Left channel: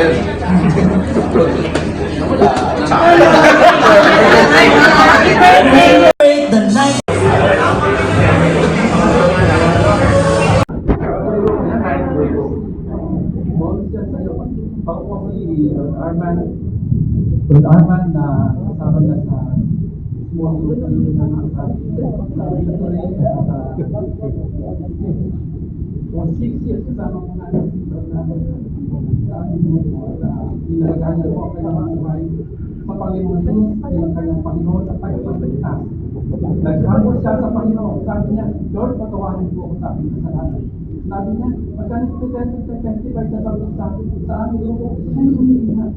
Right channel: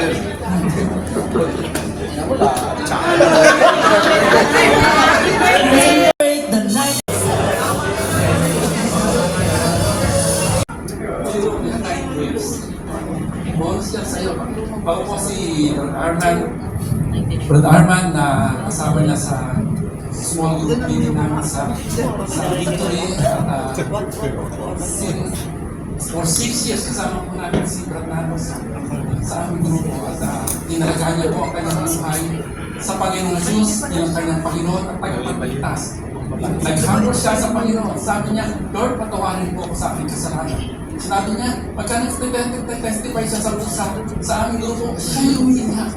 sa'yo. Bago po si Brad Arman na kasama niya sa small group meeting namin sa Victory at for 6 years kasama po namin si Brad Arman sa aming grupo at tinalaga niya po ang kanyang buhay sa Panginoong Jesus bilang kanyang Panginoon at tagapagligtas. Nag-humble siya sa Panginoon. Sabi niya, Lord, patawarin po ako sa aking kasalanan. Sinabi niya, pagka nag-testify siya sa aming grupo, siya yung umiiyak.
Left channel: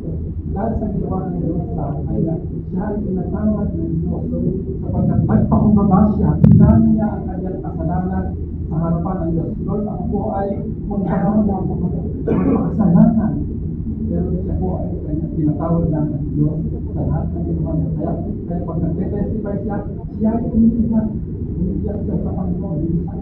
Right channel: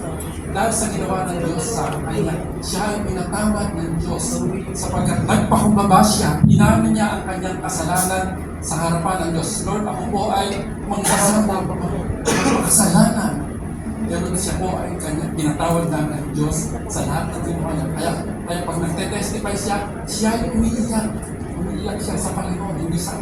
Dahil sa ginawa ng Diyos sa kanya, siya ay pinatawad ng Diyos. Sapagkat nagpakumbaba siya, inamin niya ang kanyang kasalanan sa harapan ng Diyos. Lord, ako po ay makasalanan. Ganun siya po ay kanya, pinatawad na ng Diyos sa lahat ng ginawa niya. Kaya pag nagte-testify siya, siya ay umiiyak. Umiiyak siya sa Panginoon, hindi sa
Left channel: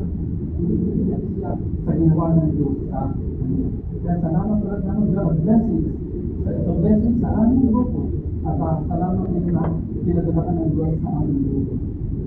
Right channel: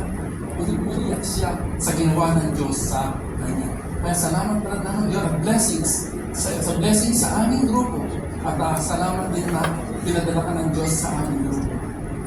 umiiyak siya sa ginawa ng Diyos sa kanya. Kaya salamat na naman, Diyos, blessings. Sa blessings sa aming grupo. At salamat din na pinadala ka ng Diyos sa aming grupo.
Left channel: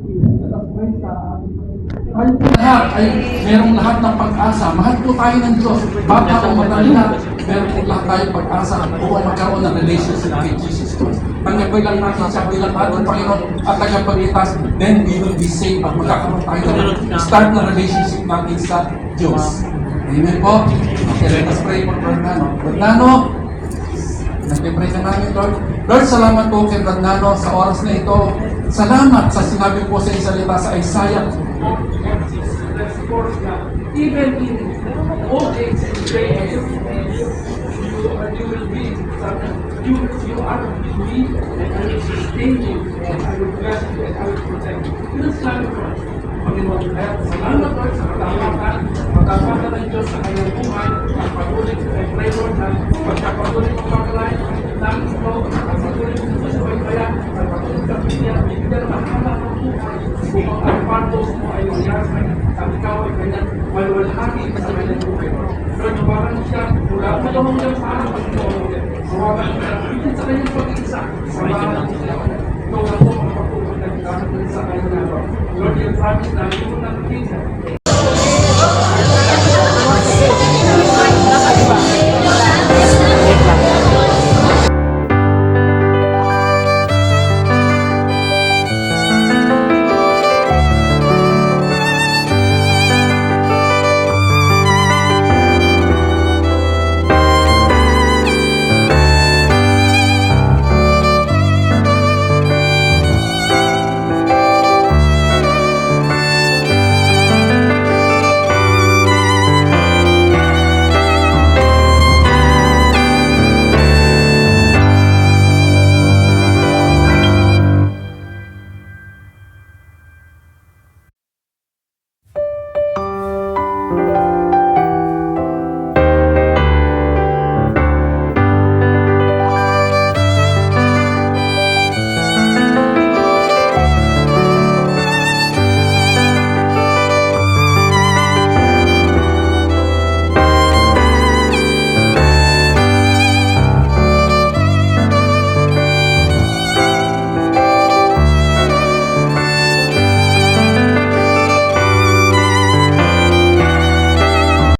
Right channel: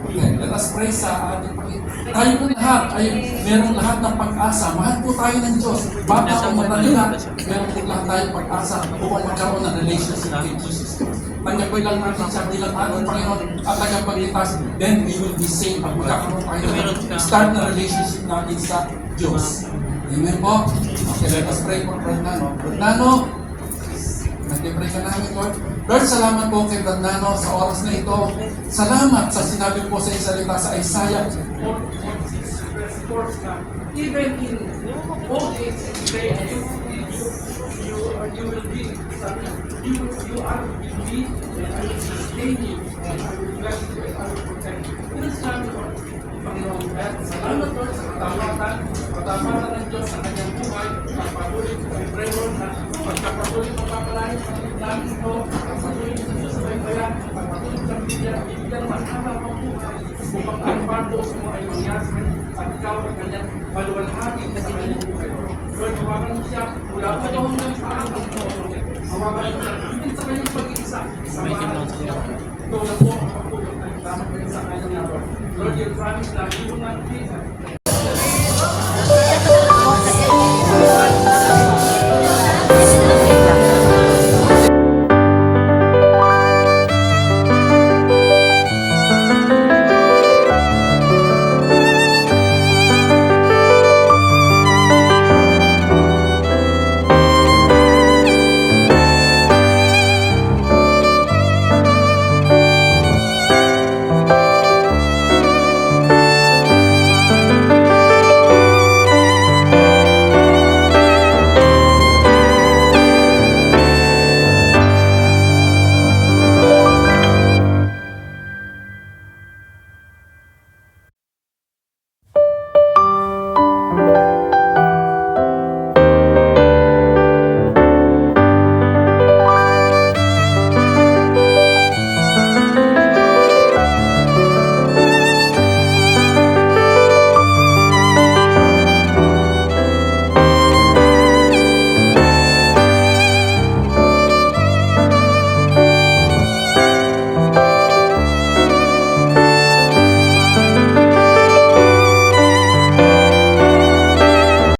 Okay, let us pray sa ating Panginoon. Tayo po lahat ay merong lahat ng pag-asa. Mahal po tayo ng Diyos. Bata o matalina, meron po lahat tayo pag-asa upang magkaroon ng relationship kay Jesus Christ. Tanggapin lang natin siya bilang ating Panginoon at tagapagligtas, then we will be saved at magkakaroon tayo ng start na relationship natin sa Diyos. Amen po? Okay, let us pray for Brad Nano. Brad Nano, nag-pray ka namin, Lord. Lord, salamat po kay Brad Nano sa oras na ito. Salamat sa sinabi po sa salita sa Isaiah. Even in old age and gray hair, you will be you are with me and I will sustain you and I will bless you and I will protect you. Ito salamat po. Panginoon, salamat po sa katapatan ng Diyos sa kanyang buhay at patuloy ko ay pray Lord na pagkapatuloy mapapalain namin po at patuloy ko sa subaybaya at patuloy ka niya bibigyan ng mahaba ng buhay upang ang purpose mo ay mangyari at ikaw ay kanyang maluwalhati sa kanyang buhay. Lord, hawakan mo siya mula pa yung hanggang parang Panginoon. Hawakan mo siya bigyan sa kanyang pag-iisa sa bahan mo siya. Ikaw na po ang pagpupagdagdagan sa kanyang nabaw. Lord, you promise na you will not leave them.